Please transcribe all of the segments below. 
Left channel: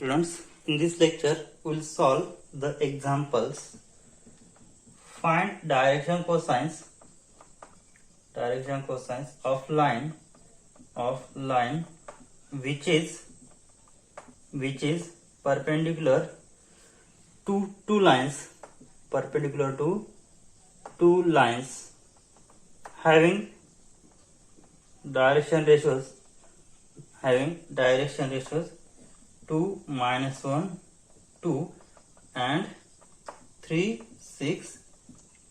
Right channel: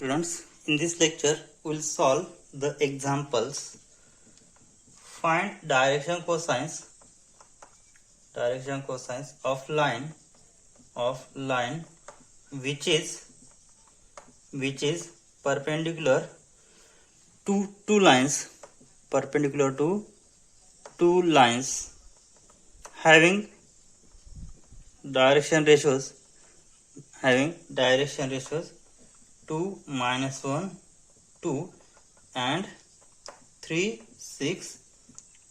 Students, in this lecture, we'll solve the examples. Find direction cosines of line which is perpendicular to two lines having direction ratios 2, -1, 2 and 3, 6,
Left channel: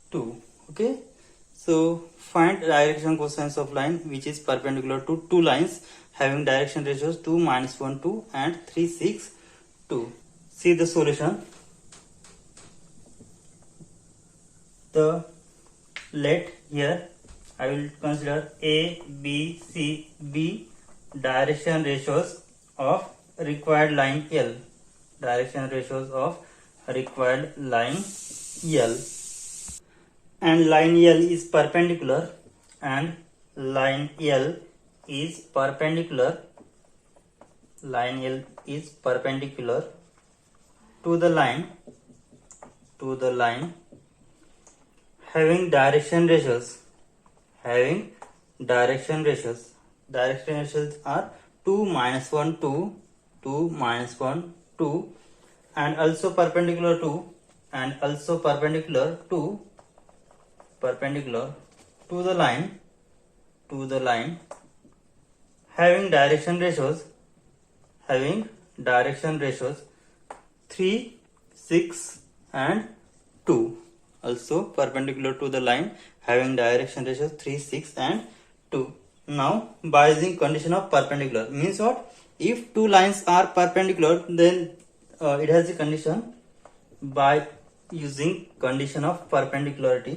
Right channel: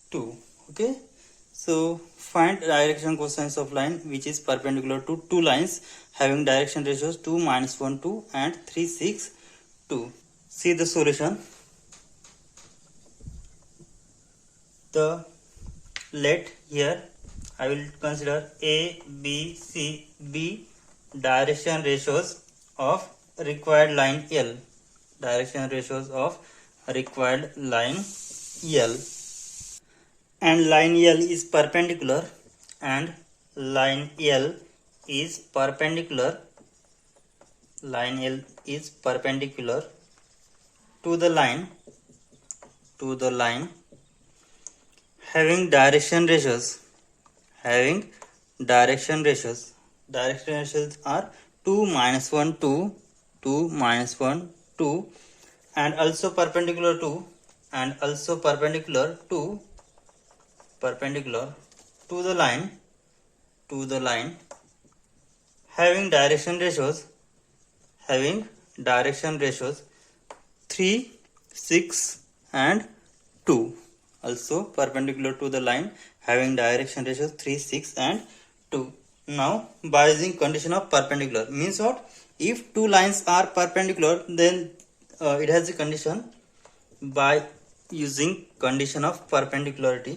2. Okay, so find direction cosines of line which is perpendicular to two lines having direction ratios 2, -1, 2 and 3, 6, 2. See the solution. Let here I will consider A, B, C, B direction ratios of required line L. And line L is perpendicular to the line having direction ratios are 2, -1, 2, 2, -1, 2 and also perpendicular to the line having direction ratios 3, 6 and 2. Also perpendicular to the line having direction ratios 3, 6 and 2. Now by using condition of perpendicular means what? If two lines are perpendicular, then it has a condition. By using condition of perpendicularity,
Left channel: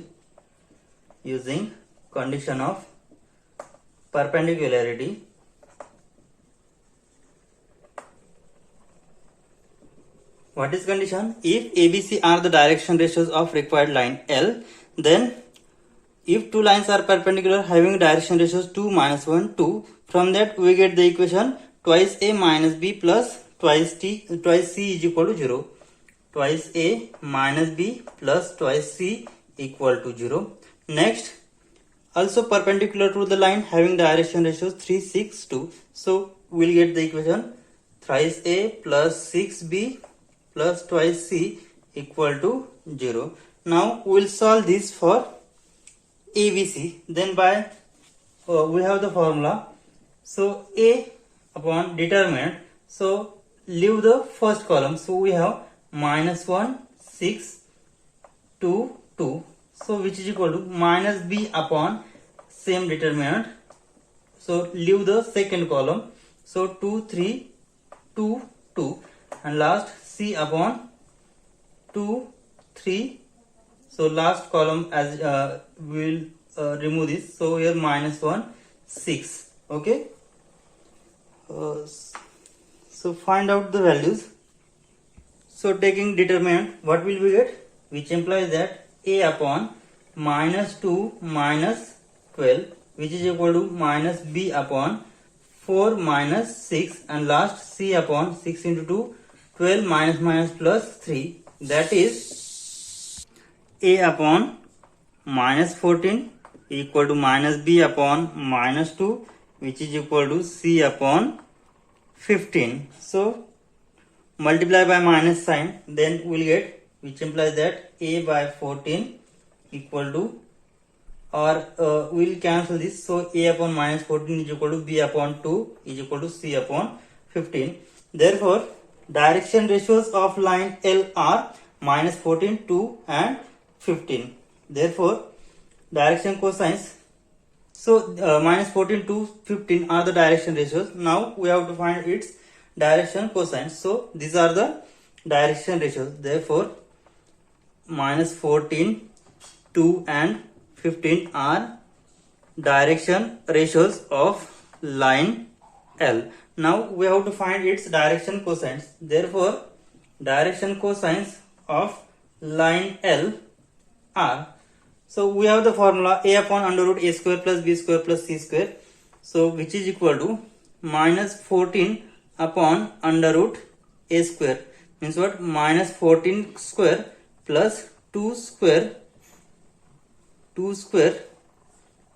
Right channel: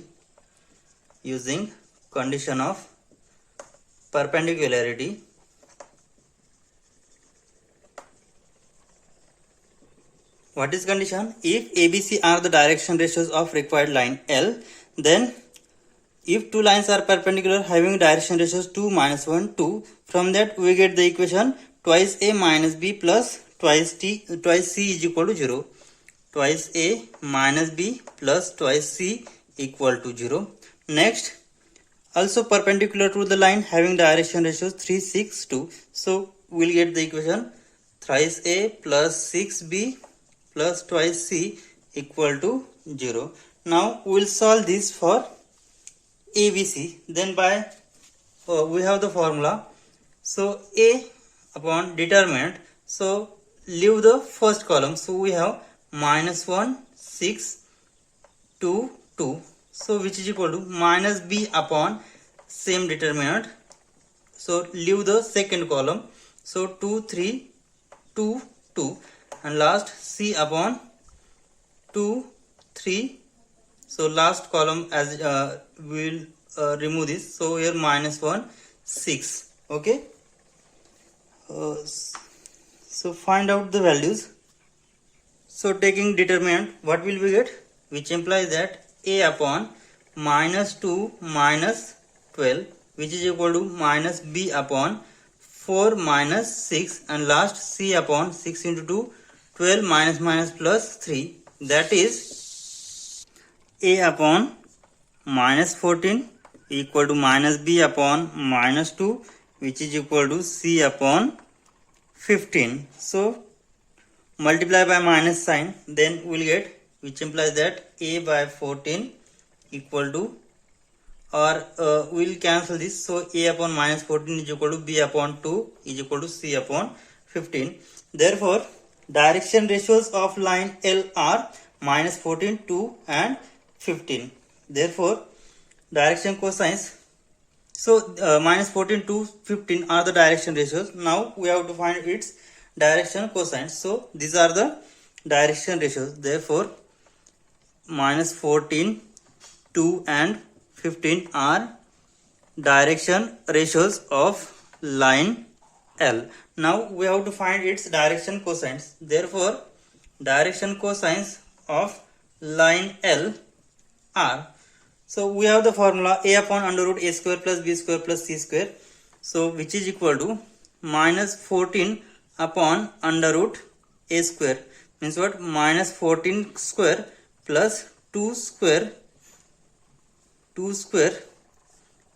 what is condition? If ABC are the direction ratios of required line L, then if two lines are perpendicular having direction ratios 2, -1, 2, from that we get the equation twice A minus B plus twice C is equal to 0. Twice A minus B plus twice C equal to 0. Next, also perpendicular to the line having direction ratios 3, 6, 2. So we'll get the equation thrice A plus 6B plus twice C equal to 0. Now we'll solve this for ABC. Then we have the formula. So A upon determinant. So leave the first column. So we have -1, 6, 2, 2. So which is equal to minus B upon same determinant. So leave the second column. So 2, 3, 2, 2 and last C upon 2, 3. So last column as we will remove this. So here -1, 6. Okay. So find out the values. So taking determinant, what will we get? Which implies that A upon -2 minus 12, which is equal to minus B upon 4 minus 6 and last C upon 6 into 2, 12 minus plus 3. That is A upon -14 equal to minus B upon -2, which is equal to C upon 15. So multiply by minus sign, then we'll get, which implies that A by 14 equal to, or we'll cancel this. So A upon -14 is equal to B upon 2 is equal to C upon 15. Therefore, direction ratios of line L are -14, 2 and 15. Therefore, direction cosines. So -14 to 15 are the direction ratios. Now we have to find its direction cosines. So these are the direction ratios. Therefore, -14, 2 and 15 are direction ratios of line L. Now we have to find its direction cosines. Therefore, direction cosines of line L are, so we have the formula A upon under root A square plus B square plus C square. So which is equal to -14 upon under root a square means what? Minus 14 square plus 2 square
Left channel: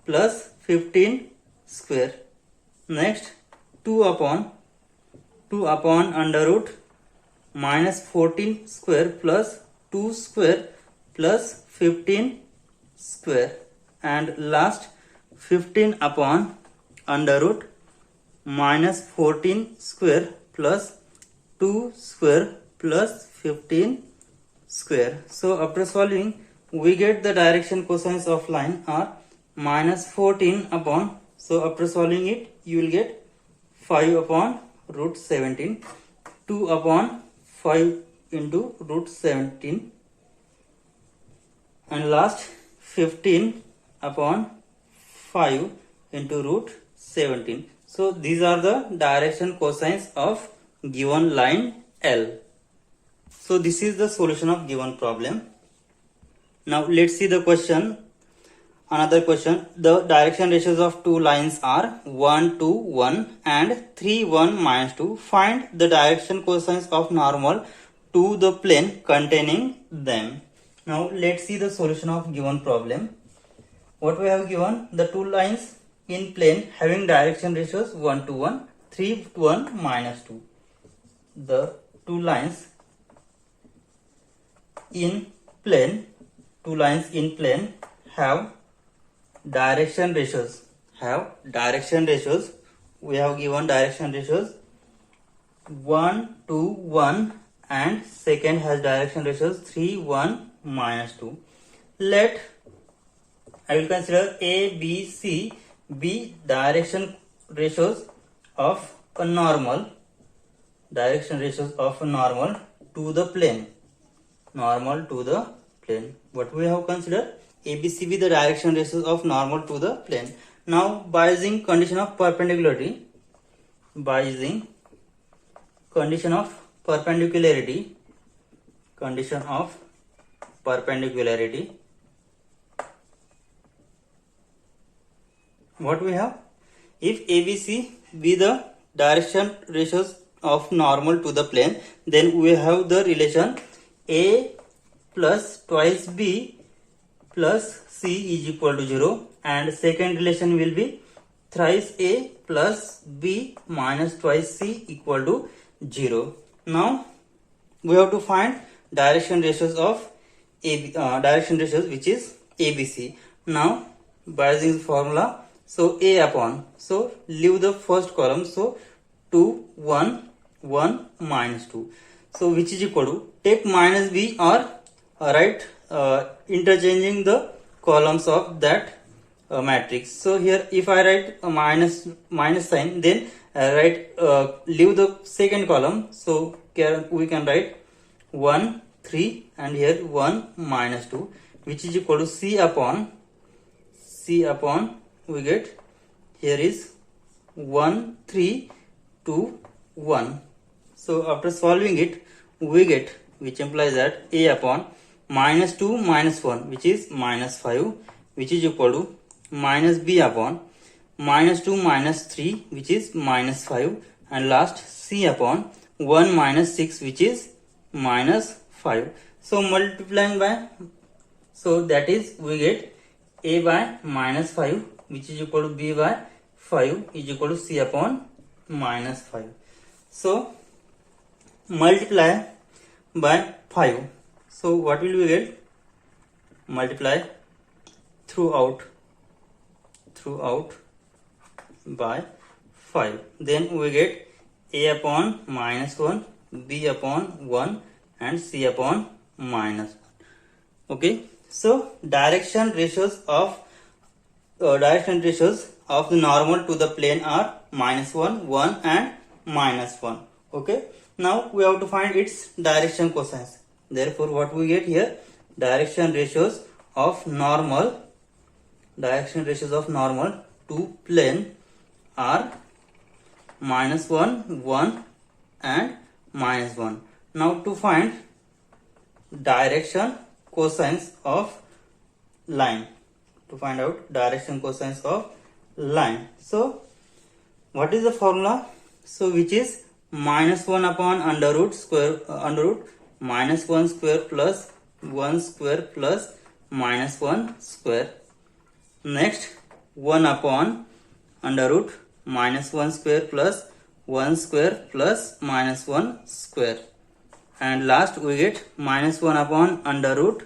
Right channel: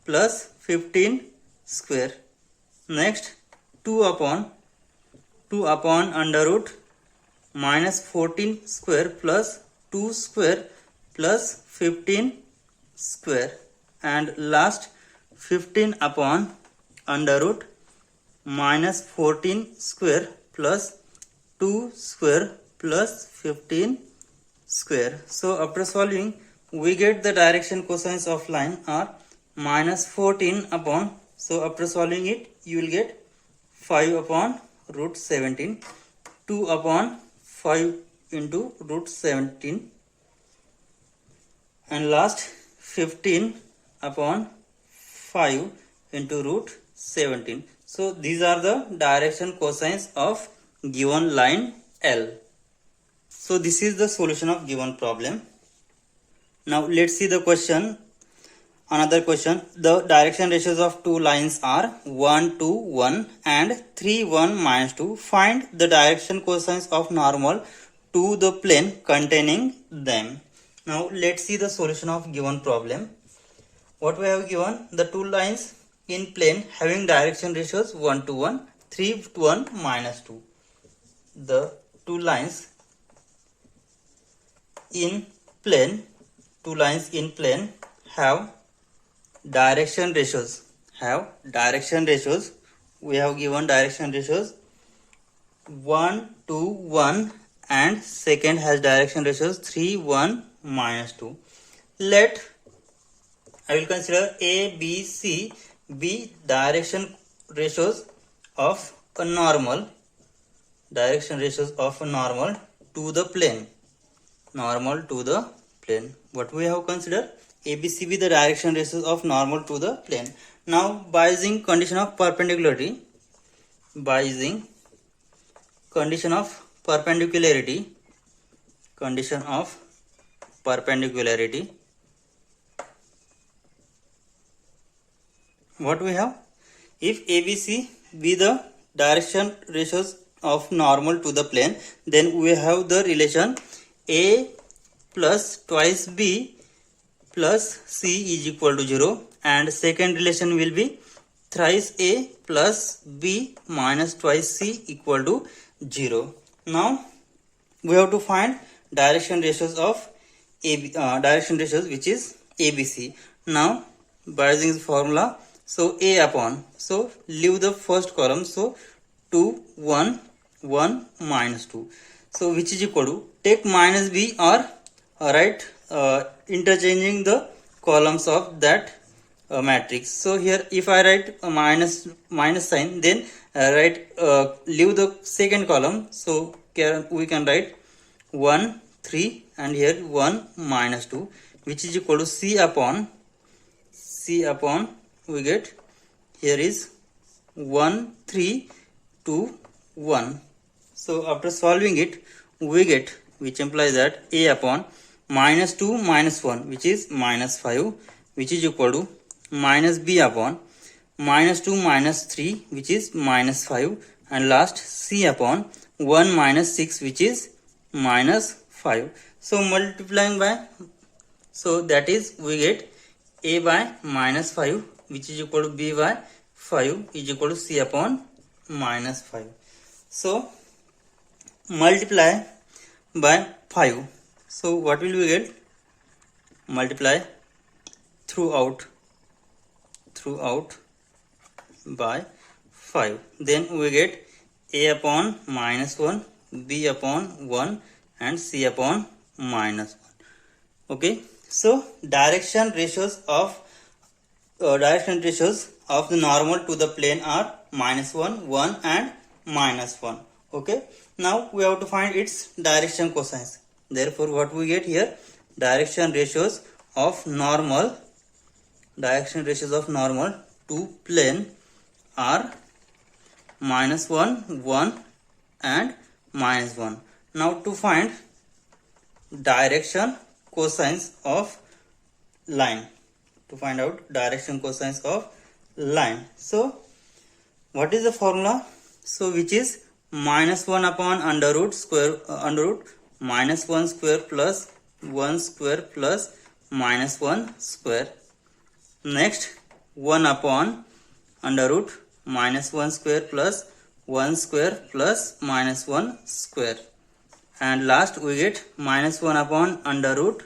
plus 15 square. Next 2 upon under root minus 14 square plus 2 square plus 15 square, and last 15 upon under root minus 14 square plus 2 square plus 15 square. So after solving, we get the direction cosines of line are minus 14 upon, so after solving it you will get 5 upon root 17, 2 upon 5 into root 17, and last 15 upon 5 into root 17. So these are the direction cosines of given line L. So this is the solution of given problem. Now let's see the question. Another question. The direction ratios of two lines are 1, 2, 1 and 3, 1, minus 2. Find the direction cosines of normal to the plane containing them. Now let's see the solution of given problem. What we have given? The two lines in plane having direction ratios 1 to 1, 3 to 1, minus 2. The two lines in plane have direction ratios. We have given direction ratios 1 to 1 and second has direction ratios 3, 1, minus 2. Let I will consider A, B, C be direction ratios of a normal to the plane. What we have considered? A, B, C be the direction ratios of normal to the plane. Now by using condition of perpendicularity, what we have? If ABC be the direction ratios of normal to the plane, then we have the relation A plus twice B plus C is equal to 0, and second relation will be thrice A plus B minus twice C equal to 0. Now we have to find direction ratios of which is ABC. Now by using the formula, so A upon, so leave the first column, so 2, 1, 1, minus 2. So which is equal to, take minus B or write interchanging the columns of that matrix. So here if I write a minus sign, then leave the second column. So here we can write 1, 3 and here 1, minus 2, which is equal to C upon we get here is 1, 3, 2, 1. So after solving it, we get, which implies that A upon minus 2 minus 1, which is minus 5, which is equal to minus B upon minus 2 minus 3, which is minus 5, and last C upon 1 minus 6, which is minus 5. So multiplying by, so that is we get A by minus 5, which is equal to B by 5 is equal to C upon minus 5. So multiply by 5. So what will we get? Multiply throughout by 5. Then we get A upon minus 1, B upon 1 and C upon minus 1. Okay. So direction ratios of the normal to the plane are minus 1, 1 and minus 1. Okay. Now we have to find its direction cosines. Therefore what we get here? Direction ratios of normal to plane are minus 1, 1 and minus 1. Now to find direction cosines of line, so what is the formula? So which is minus 1 upon under root square under root minus 1 square plus 1 square plus minus 1 square. Next 1 upon under root minus 1 square plus 1 square plus minus 1 square. And last we get minus 1 upon under root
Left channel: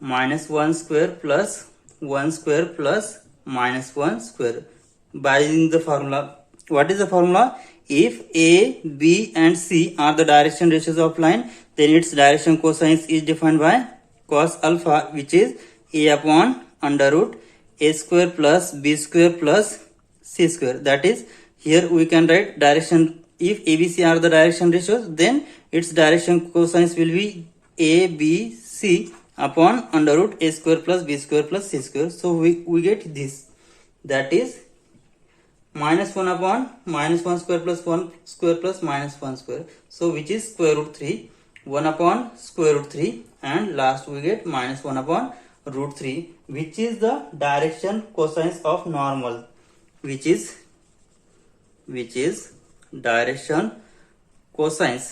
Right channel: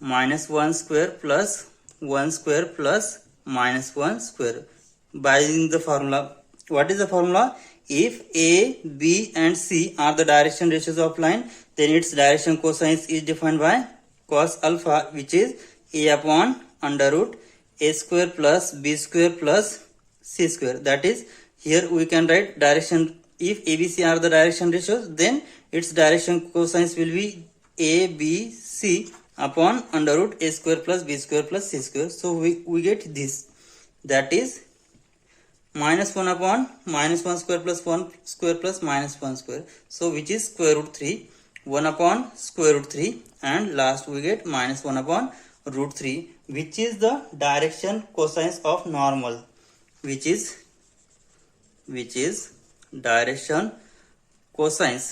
minus 1 square plus 1 square plus minus 1 square. By using the formula, what is the formula? If A, B and C are the direction ratios of line, then its direction cosine is defined by cos alpha, which is A upon under root A square plus B square plus C square. That is, here we can write direction. If ABC are the direction ratios, then its direction cosines will be A, B, C upon under root A square plus B square plus C square. So we get this. That is minus 1 upon minus 1 square plus 1 square plus minus 1 square. So which is square root 3. 1 upon square root 3, and last we get minus 1 upon root 3, which is the direction cosines of normal, which is direction cosines,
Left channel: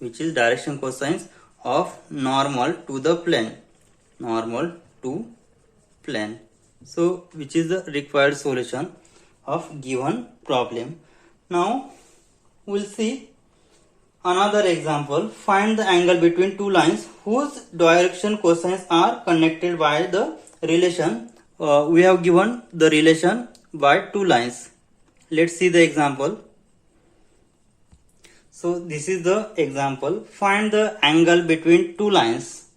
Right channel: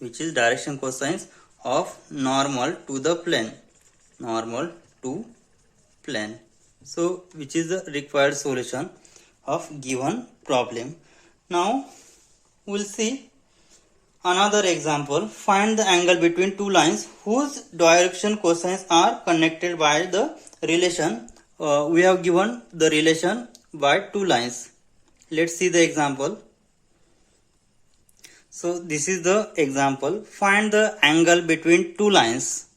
which is direction cosines of normal to the plane, so which is the required solution of given problem. Now we'll see another example. Find the angle between two lines whose direction cosines are connected by the relation. We have given the relation by two lines. Let's see the example. So this is the example. Find the angle between two lines.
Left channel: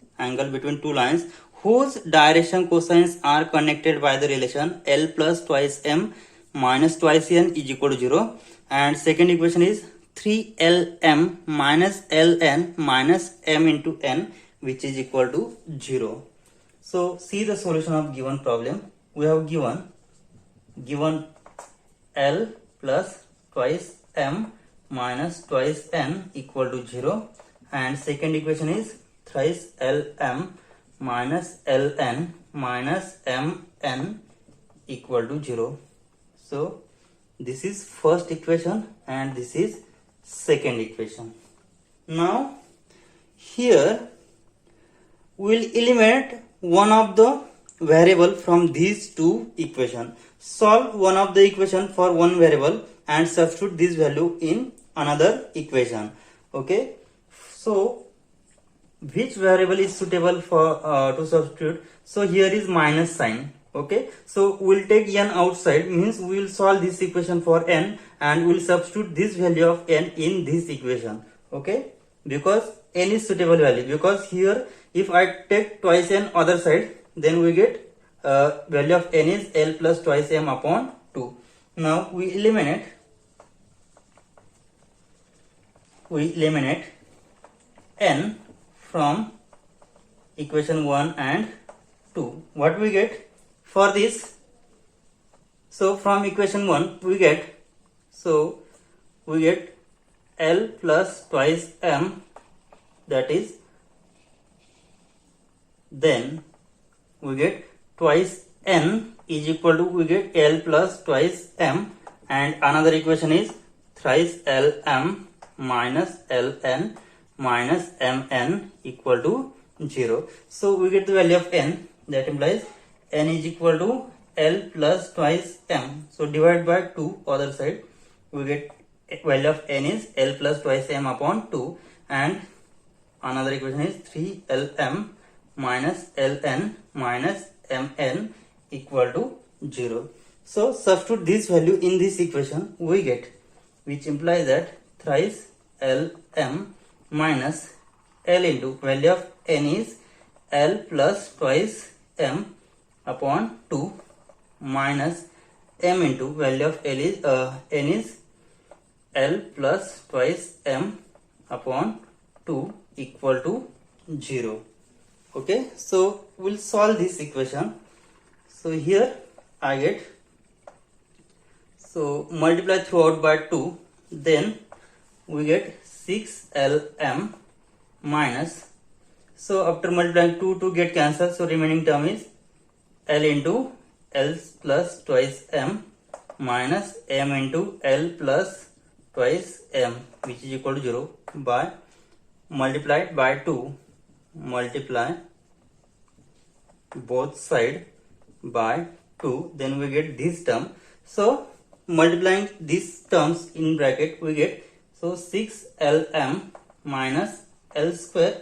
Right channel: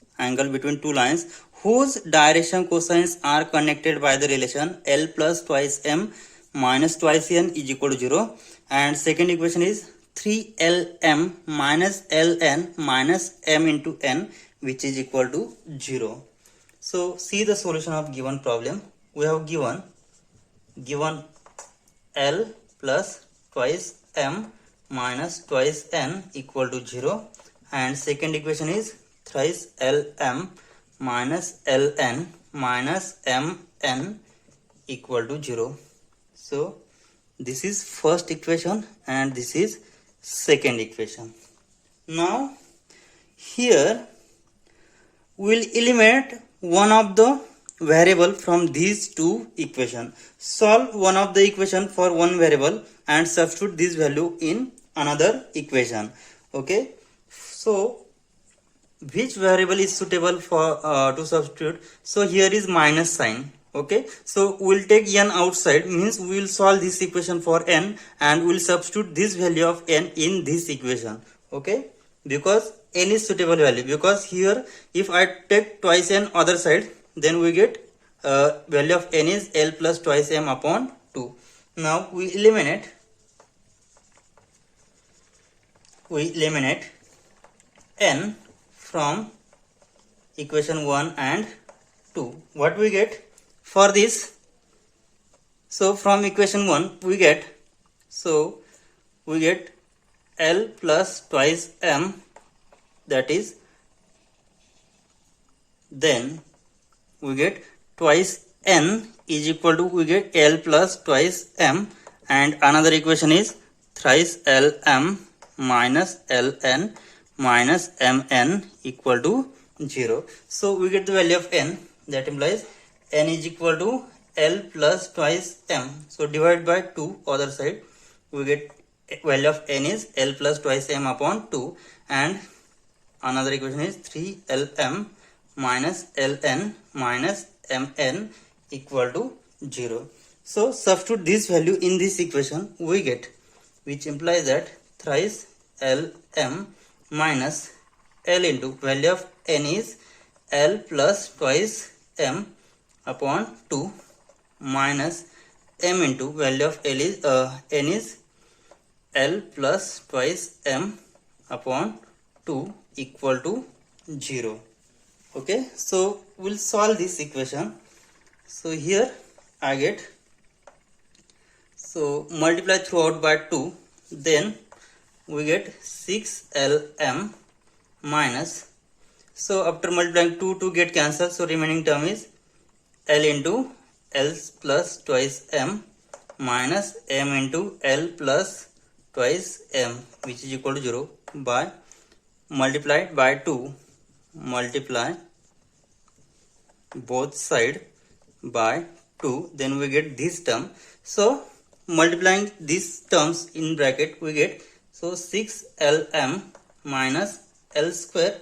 Whose direction cosines are connected by the relation L plus twice m minus twice n is equal to 0. And second equation is 3lm minus ln minus m into n, which is equal to 0. So see the solution of given problem. We have given L plus twice m minus twice n equal to 0, and second equation is thrice lm minus ln minus mn equal to 0. So this is first equation and this is second equation. Now here we will eliminate one of the variable from these two equations. Solve one of the equation for one variable and substitute this value in another equation. Okay, so which variable is suitable for to substitute? So here is minus sign. Okay, so we'll take n outside, means we will solve this equation for n and we'll substitute this value of n in this equation. Okay, because n is suitable value, because here if I take twice n other side, then we get value of n is L plus twice m upon 2. Now we eliminate n from equation 1 and 2. What we get for this? So from equation 1 we get L plus twice m, that is, then we get twice n is equal to, we get L plus twice m, and another equation is thrice lm minus ln minus mn equal to 0. So we get the value of n, that implies n is equal to L plus twice m. So divide by 2 other side, we get value of n is L plus twice m upon 2, and another equation is 3lm minus ln minus mn equal to 0. So substitute this value in this equation, we get, which implies that thrice lm minus L into value of n is L plus twice m upon 2 minus m into value of L is n is L plus twice m upon 2 equal to 0. Okay, so we'll solve this equation. So here I get, so multiply throughout by 2, then we get 6lm minus, so after multiplying 2 get cancelled, so remaining term is L into L plus twice m minus m into L plus twice m, which is equal to 0, by multiplied by 2, multiply both side by 2, then we get this term. So multiplying these terms in bracket we get, so 6lm minus L square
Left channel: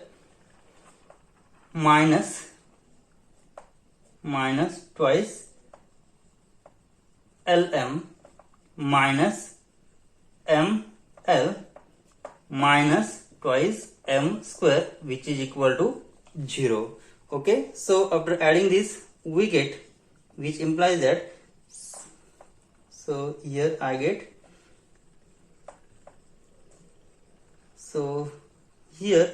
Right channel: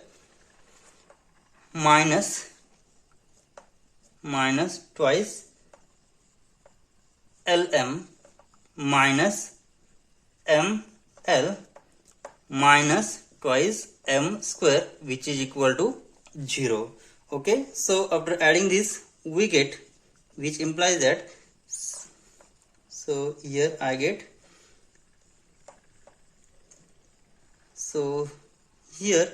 minus twice lm minus ml minus twice m square, which is equal to 0. Okay, so after adding this we get, which implies that, so here I get, so here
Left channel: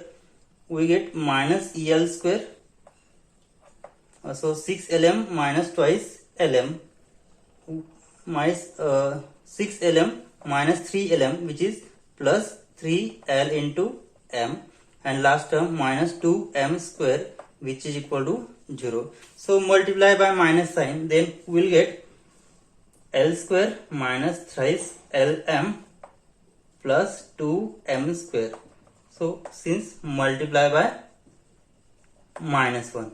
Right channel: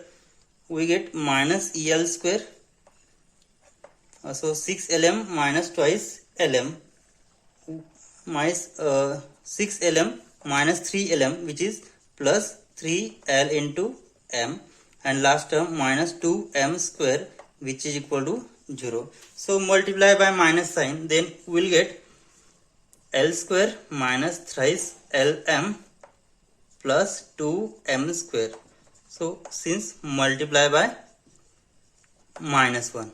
we get minus el square, so 6lm minus twice lm, minus 6lm minus 3lm, which is plus 3l into m, and last term minus 2m square, which is equal to 0. So multiply by minus sign, then we will get L square minus thrice lm plus 2m square. So since multiply by minus 1,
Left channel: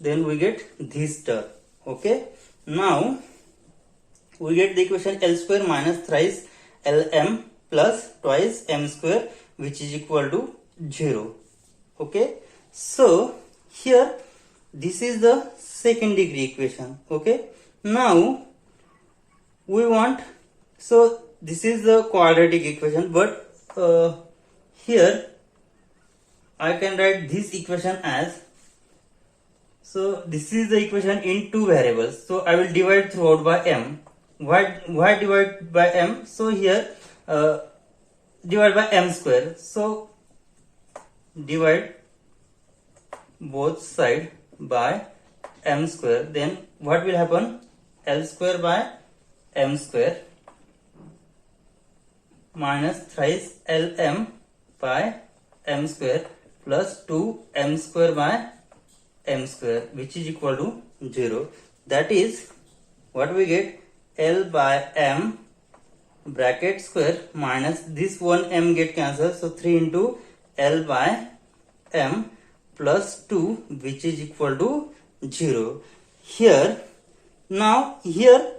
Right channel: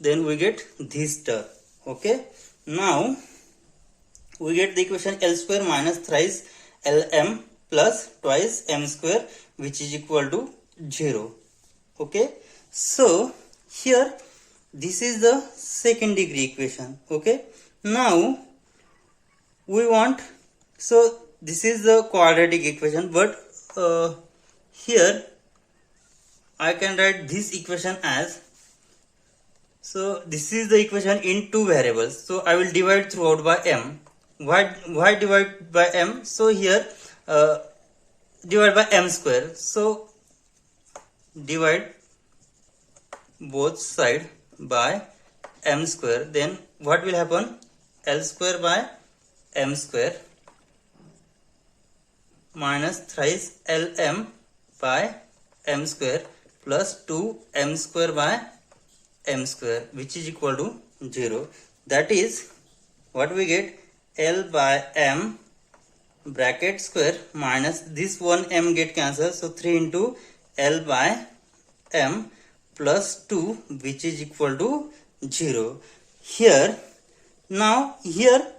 then we get this term. Okay, now we get the equation L square minus thrice lm plus twice m square, which is equal to 0. Okay, so here this is the second degree equation. Okay, now we want, so this is the quadratic equation, but here I can write this equation as, so this is the equation in two variables, so I will divide throughout by m. Why divide by m? So here divide by m square, so divide both side by m square, then what will happen? L square by m square minus thrice lm by m square plus 2m square by m square, which is equal to 0. That is what we get, L by m bracket square minus this one m get cancelled, so 3 into L by m plus 2, which is equal to 0. Here, now here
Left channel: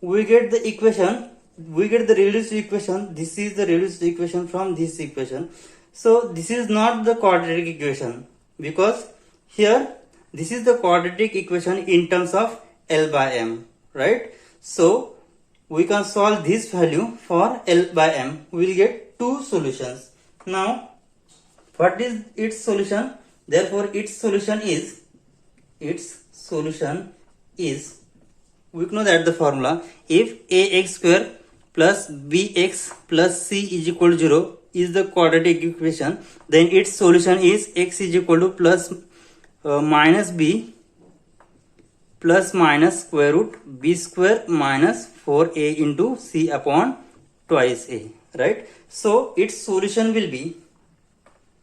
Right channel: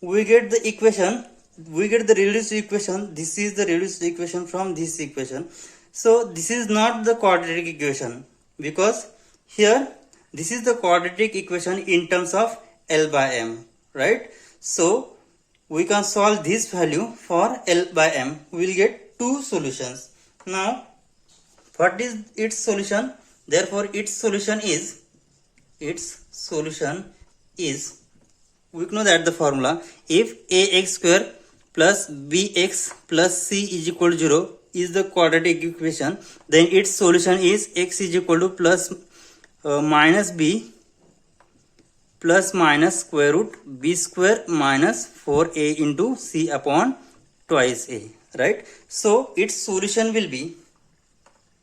we get the equation, we get the reduced equation. This is the reduced equation from this equation. So this is not the quadratic equation, because here this is the quadratic equation in terms of L by m, right? So we can solve this value for L by m. We will get two solutions. Now what is its solution? Therefore its solution is, we know that the formula, if ax square plus bx plus c is equal to 0 is the quadratic equation, then its solution is x is equal to plus minus b plus minus square root b square minus 4a into c upon twice a, right? So its solution will be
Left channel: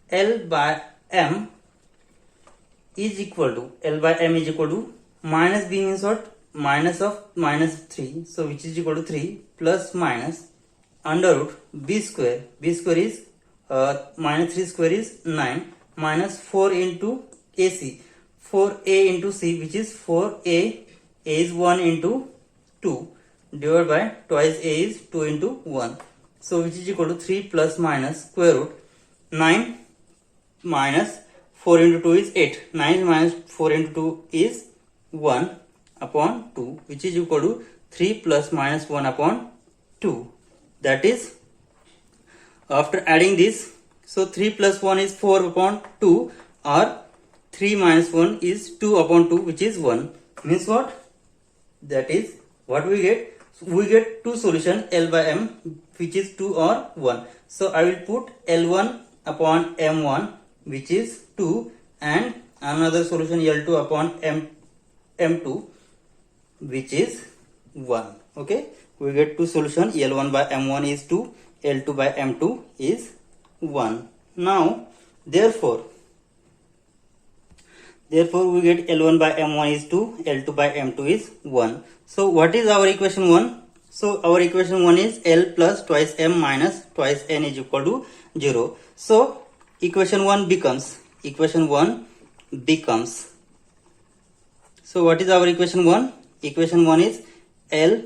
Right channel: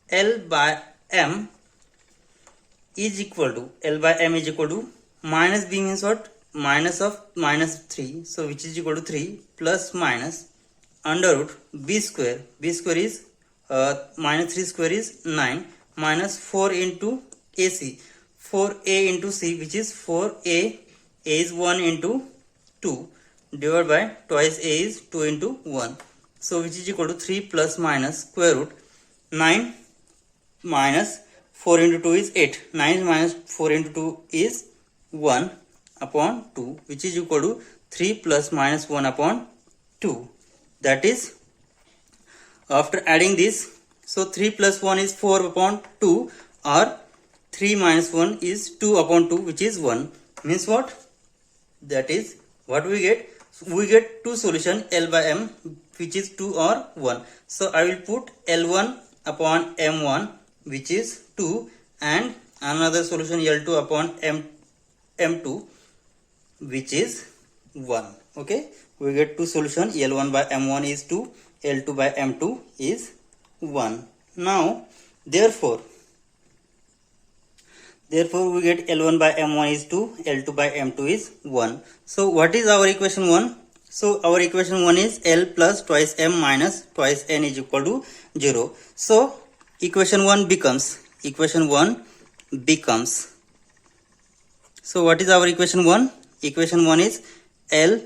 L by m is equal to, minus b means what? Minus of minus 3, so which is equal to 3 plus minus under root b square is minus 3 square is 9 minus 4 into ac, 4a into c, which is 4a, a is 1 into 2 divided by twice a is 2 into 1, so which is equal to 3 plus minus square root 9 minus 4 into 2 is 8, 9 minus 4 into 2 is 1 upon 2, which is equal to 3 plus minus 1 upon 2. That is, after adding this, so 3 plus 1 is 4 upon 2, or 3 minus 1 is 2 upon 2, which is 1. Means what? That is what we get. We get two solution L by m, which is 2 or 1. So I will put L1 upon m1, which is 2, and another solution L2 upon m2, which is 1. Okay, we get two solutions. L1 by m1 is 2, L2 by m2 is 1. Now therefore Therefore, we get L1 by M1 is 2, L2 by M2 is 1. So, what is our equation 1? So, our equation 1 is L plus twice M minus twice N is equal to 0. So, equation 1 becomes, so what is our equation 1? Equation 1 is L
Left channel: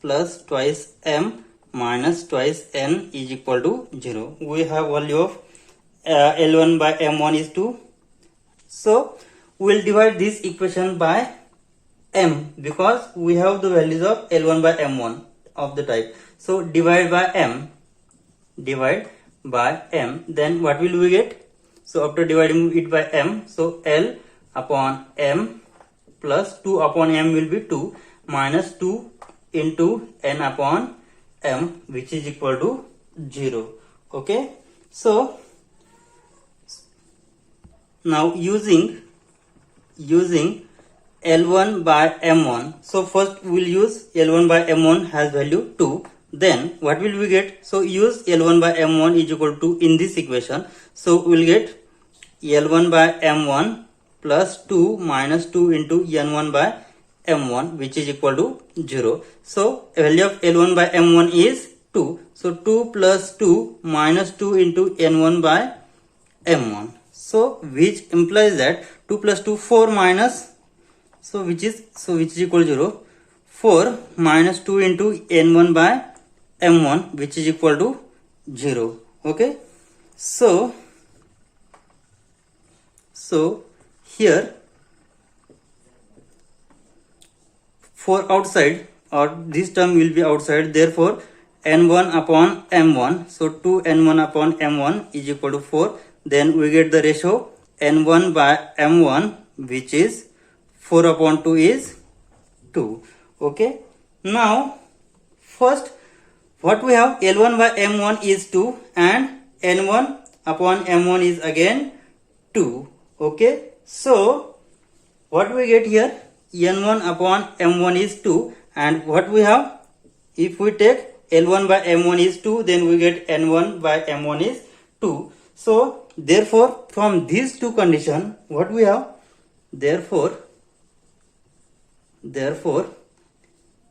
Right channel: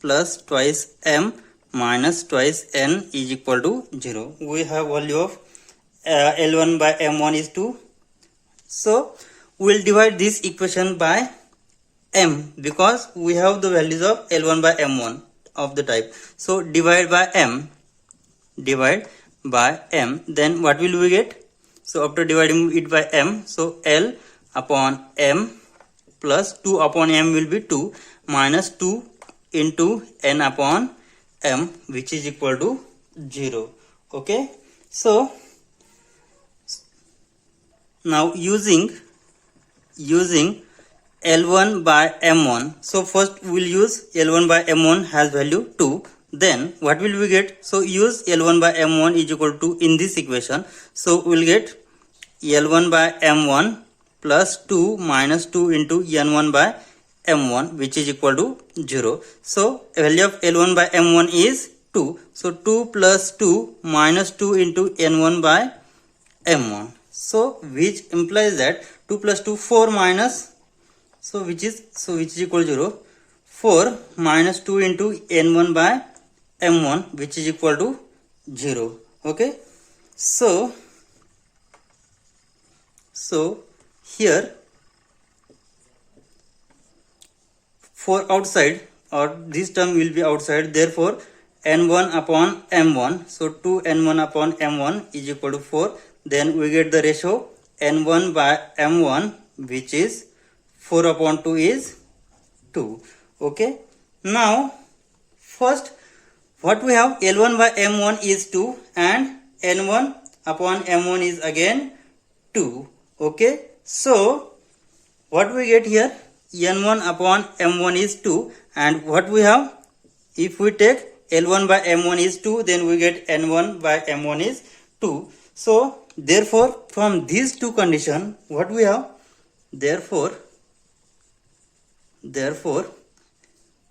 plus twice M minus twice N is equal to 0. We have value of L1 by M1 is 2. So, we will divide this equation by M because we have the values of L1 by M1 of the type. So, divide by M. Then what will we get? So, after dividing it by M, so L upon M plus 2 upon M will be 2 minus 2 into N upon M, which is equal to 0. Okay. So, now using L1 by M1. So first we will use L1 by M1 has value 2. Then what will we get? So use L1 by M1 is equal to in this equation. So we will get L1 by M1 plus 2 minus 2 into N1 by M1, which is equal to 0. So value of L1 by M1 is 2. So 2 plus 2 minus 2 into N1 by M1. So which implies that 2 plus 2 4 minus, so which is equal to 0. 4 minus 2 into N1 by M1, which is equal to 0. Okay. So here for outside, or this term will be outside, therefore N1 upon M1, so 2 N1 upon M1 is equal to 4. Then we get the ratio N1 by M1, which is 4 upon 2 is 2. Okay. Now first what we have, L1 by M1 is 2 and N1 upon M1 is again 2. Okay. So what we get here, N1 upon M1 is 2, and what we have, if we take L1 by M1 is 2, then we get N1 by M1 is 2. So therefore from these two conditions, what we have, therefore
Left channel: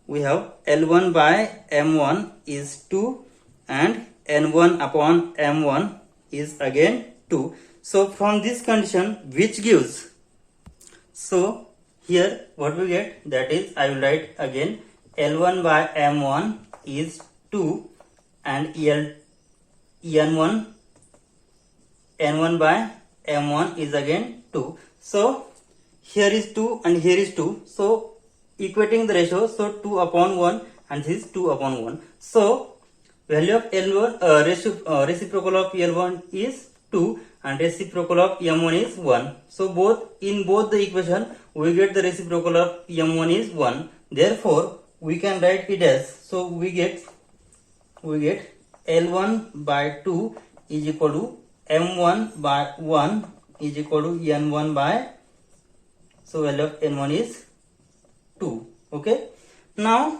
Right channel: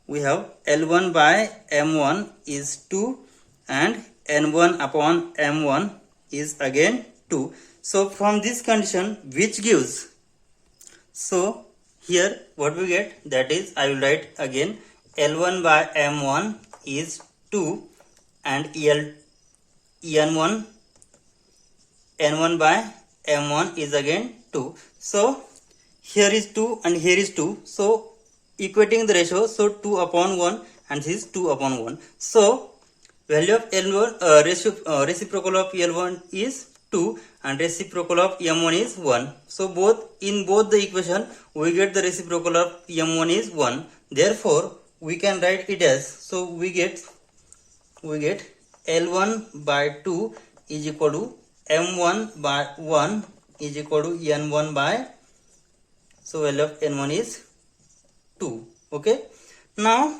we have L1 by M1 is 2 and N1 upon M1 is again 2. So from this condition, which gives, so here what we get, that is, I will write again, L1 by M1 is 2 and N1 by M1 is again 2. So here is 2 and here is 2. So equating the ratio, so 2 upon 1 and this is 2 upon 1. So value of L1, reciprocal of L1 is 2 and reciprocal of M1 is 1. So in both the equation we get the reciprocal of M1 is 1. Therefore we can write it as, so we get L1 by 2 is equal to M1 by 1 is equal to N1 by, so value of N1 is 2. Okay. Now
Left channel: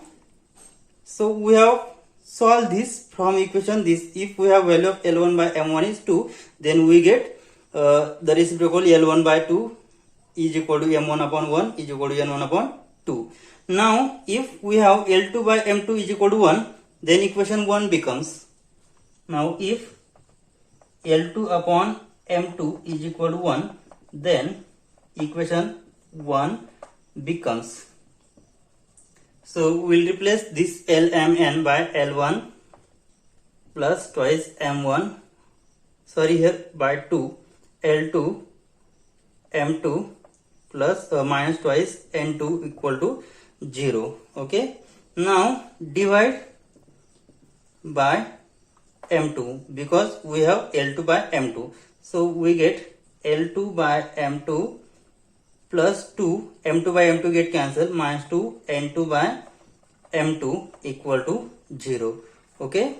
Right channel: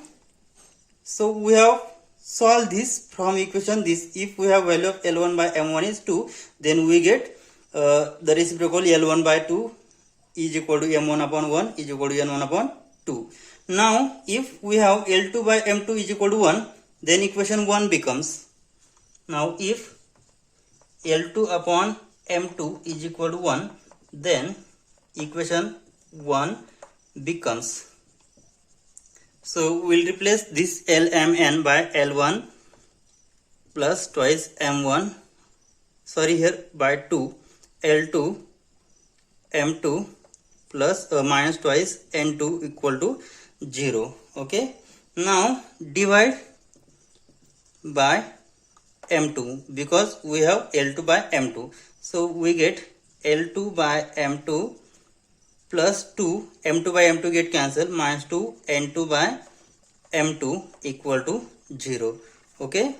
so we have solved this from equation this. If we have value of L1 by M1 is 2, then we get the reciprocal L1 by 2 is equal to M1 upon 1 is equal to N1 upon 2. Now if we have L2 by M2 is equal to 1, then equation 1 becomes, now if L2 upon M2 is equal to 1, then equation 1 becomes, so we will replace this Lmn by L1 plus twice M1, sorry here by 2, L2 M2 plus minus twice N2 equal to 0. Okay. Now divide by M2 because we have L2 by M2. So we get L2 by M2 plus 2, M2 by M2 get cancelled, minus 2 N2 by M2 equal to 0. Okay.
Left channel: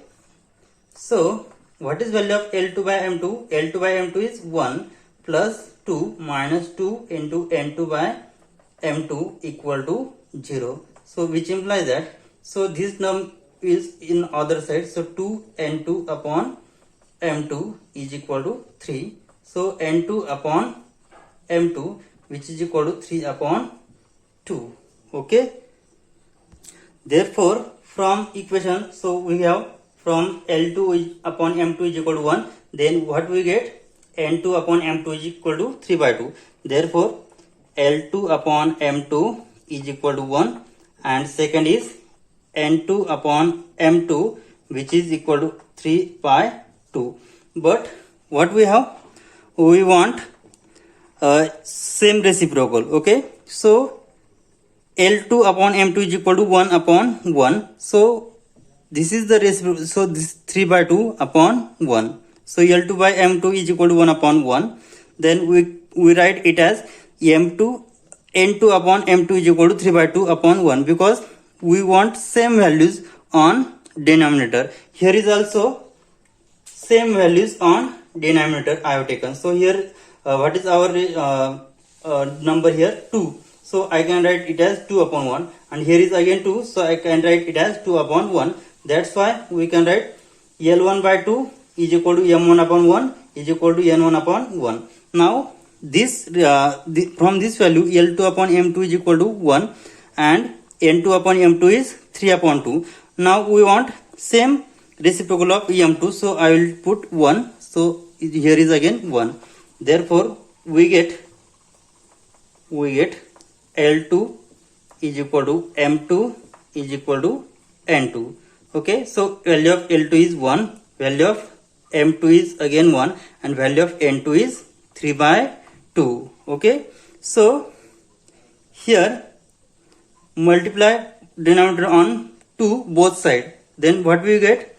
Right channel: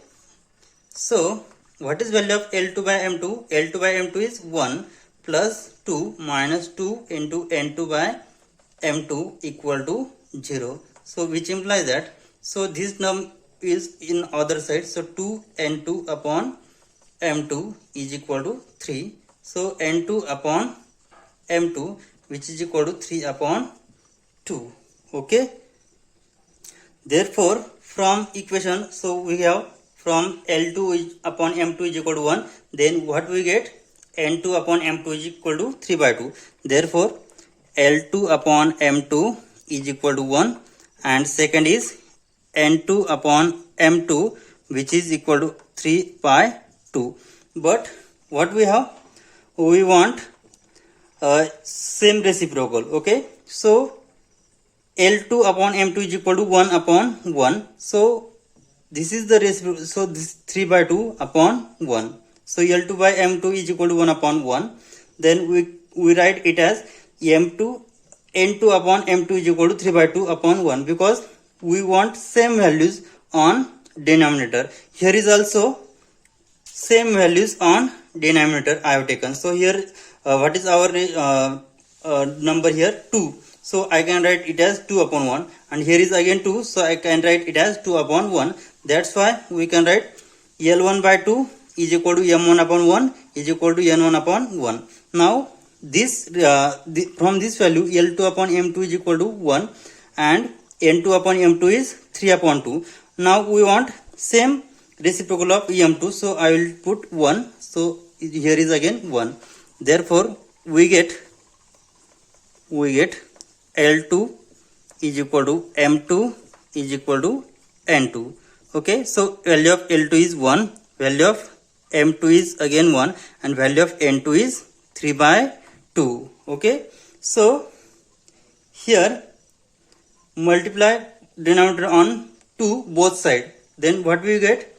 So what is value of L2 by M2? L2 by M2 is 1 plus 2 minus 2 into N2 by M2 equal to 0. So which implies that, so this term is in other side, so 2 N2 upon M2 is equal to 3. So N2 upon M2, which is equal to 3 upon 2. Okay. Therefore, from equation, so we have from L2 is upon M2 is equal to 1. Then what we get? N2 upon M2 is equal to 3 by 2. Therefore, L2 upon M2 is equal to 1. And second is N2 upon M2, which is equal to 3 by 2. But what we have? We want same reciprocal. Okay. So L2 upon M2 is equal to 1 upon 1. So this is the reciprocal. So this 3 by 2 upon 1. So L2 by M2 is equal to 1 upon 1. Then we write it as N2 upon M2 is equal to 3 by 2 upon 1, because we want same values on denominator. Here is also same values on denominator I have taken. So here what is our number here? 2. So I can write it as 2 upon 1, and here is again 2, so I can write it as 2 upon 1. That's why we can write L1 by 2 is equal to M1 upon 1 is equal to N1 upon 1. Now this from this value L2 upon M2 is equal to 1 and N2 upon M2 is 3 upon 2. Now we want same reciprocal of M2, so I will put 1. So here is again 1. Therefore we get L2 is equal to M2 is equal to N2. Okay, so value of L2 is 1, value of M2 is again 1, and value of N2 is 3 by 2. Okay, so here multiply denominator on 2 both side. Then what we get?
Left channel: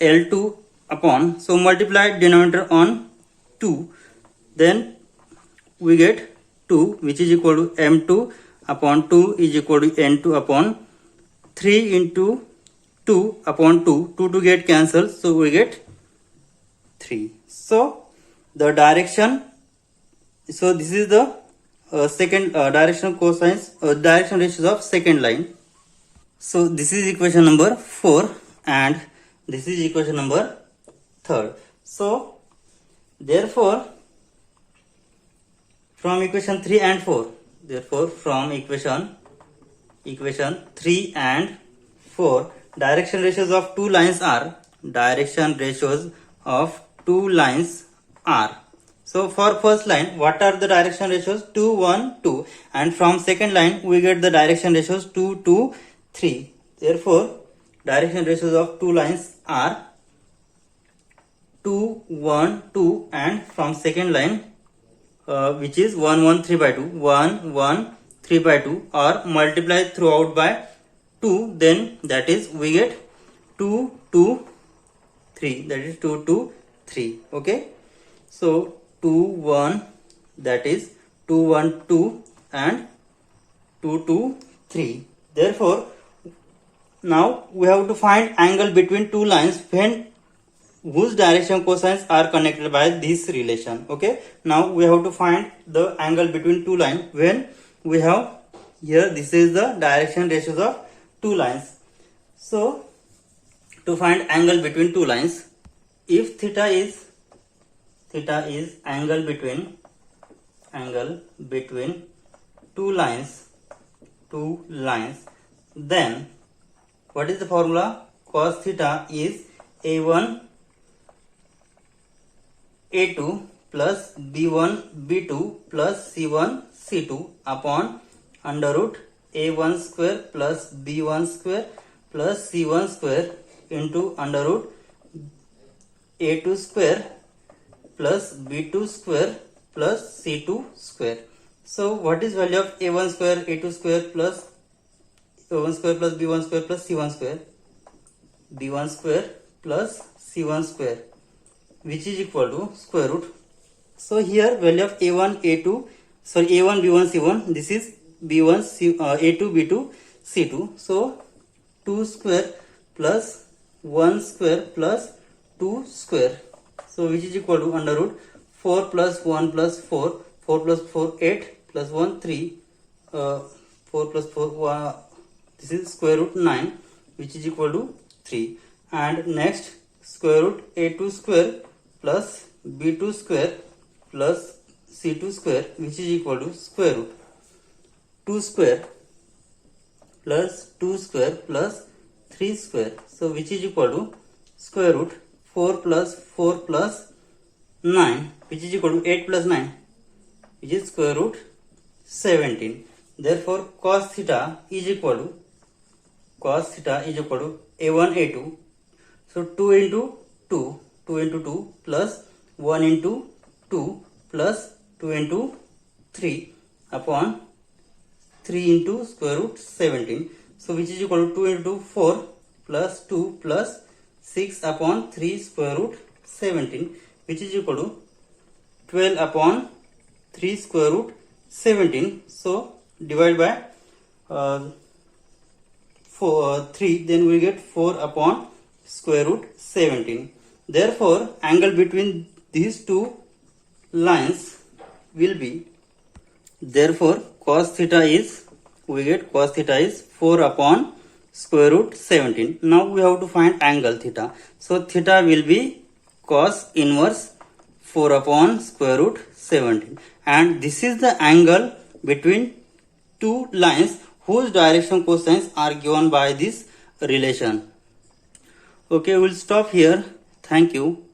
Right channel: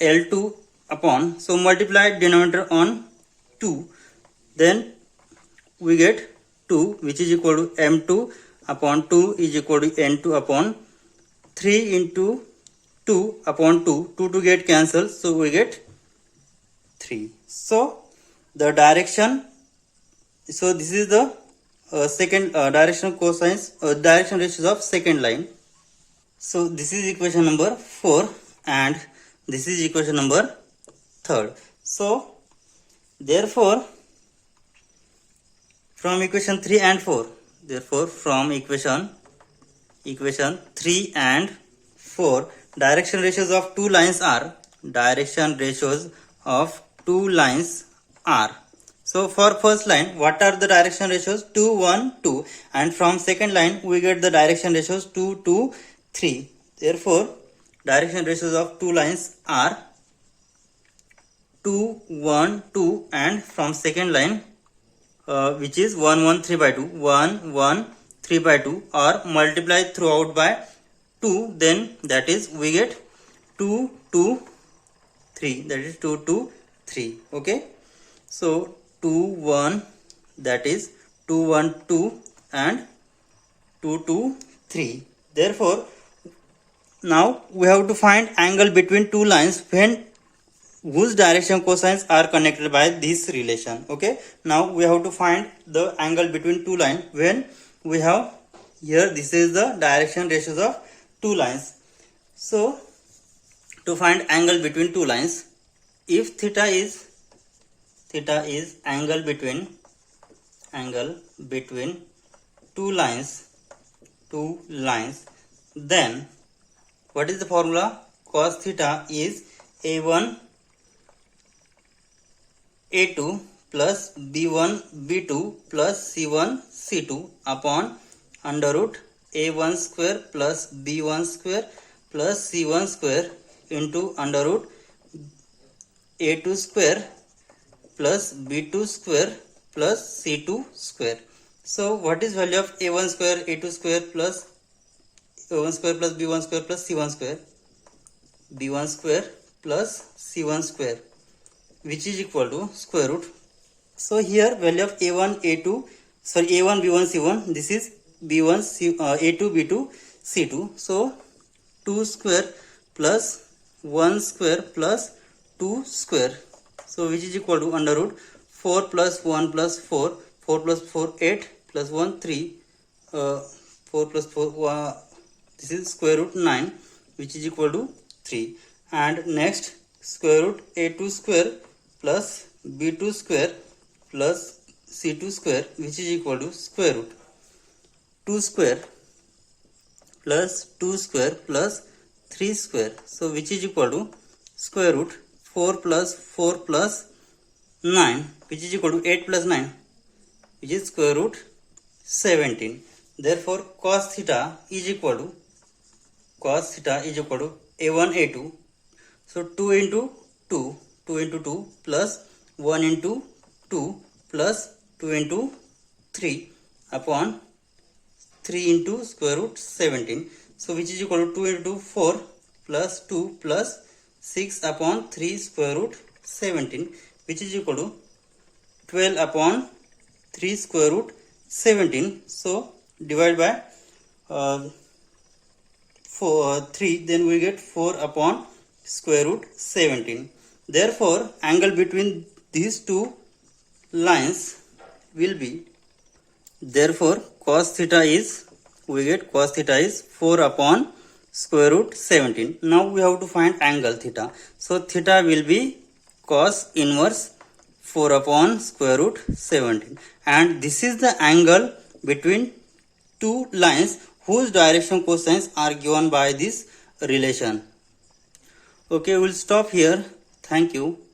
L2 upon, so multiply denominator on 2. Then we get 2, which is equal to M2 upon 2 is equal to N2 upon 3 into 2 upon 2. 2 to get cancelled, so we get 3. So the direction, so this is the second direction cosines, direction ratios of second line. So this is equation number 4 and this is equation number 3. So therefore from equation 3 and 4, therefore from equation 3 and 4, direction ratios of two lines are, so for first line, what are the direction ratios? 2, 1, 2, and from second line we get the direction ratios 2, 2, 3. Therefore direction ratios of two lines are 2, 1, 2, and from second line which is 1, 1, 3 by 2, 1, 1, 3 by 2, or multiply throughout by 2, then that is we get 2, 2, 3, that is 2, 2, 3. Okay, so 2, 1, that is 2, 1, 2, and 2, 2, 3. Therefore now we have to find angle between two lines when whose direction cosines are connected by this relation. Okay, now we have to find the angle between two lines when we have here, this is the direction ratios of two lines. So to find angle between two lines, if theta is angle between two lines, then what is the formula? Cos theta is A1 A2 plus B1 B2 plus C1 C2 upon under root A1 square plus B1 square plus C1 square into under root A2 square plus B2 square plus C2 square. So what is value of A1 square, A2 square plus A1 square plus B1 square plus C1 square? B1 square plus C1 square, which is equal to square root. So here value of A1 A2, sorry, A1 B1 C1, this is B1 A2 B2 C2. So 2 square plus 1 square plus 2 square, so which is equal to under root 4 plus 1 plus 4, 4 plus 4 8 plus 1 3, 4 plus 4 this is square root 9, which is equal to 3. And next square root A2 square plus B2 square plus c2 square, which is equal to square root 2 square plus 2 square plus 3 square. So which is equal to square root 4 plus 4 plus 9, which is equal to 8 plus 9, which is square root 17. Therefore cos theta is equal to a1 a2. So 2 into 2 plus 1 into 2 plus 2 into 3 upon 3 into square root 17. So which is equal to 2 into 4 plus 2 plus 6 upon 3 square root 17, which is equal to 12 upon 3 square root 17. So divide by 3, then we get 4 upon square root 17. Therefore angle between these two lines will be, therefore cos theta is, we get cos theta is 4 upon square root 17. Now we have to find angle theta. So theta will be cos inverse 4 upon square root 17, and this is the angle between two lines whose direction cosines are given by this relation. Okay, we'll stop here. Thank you.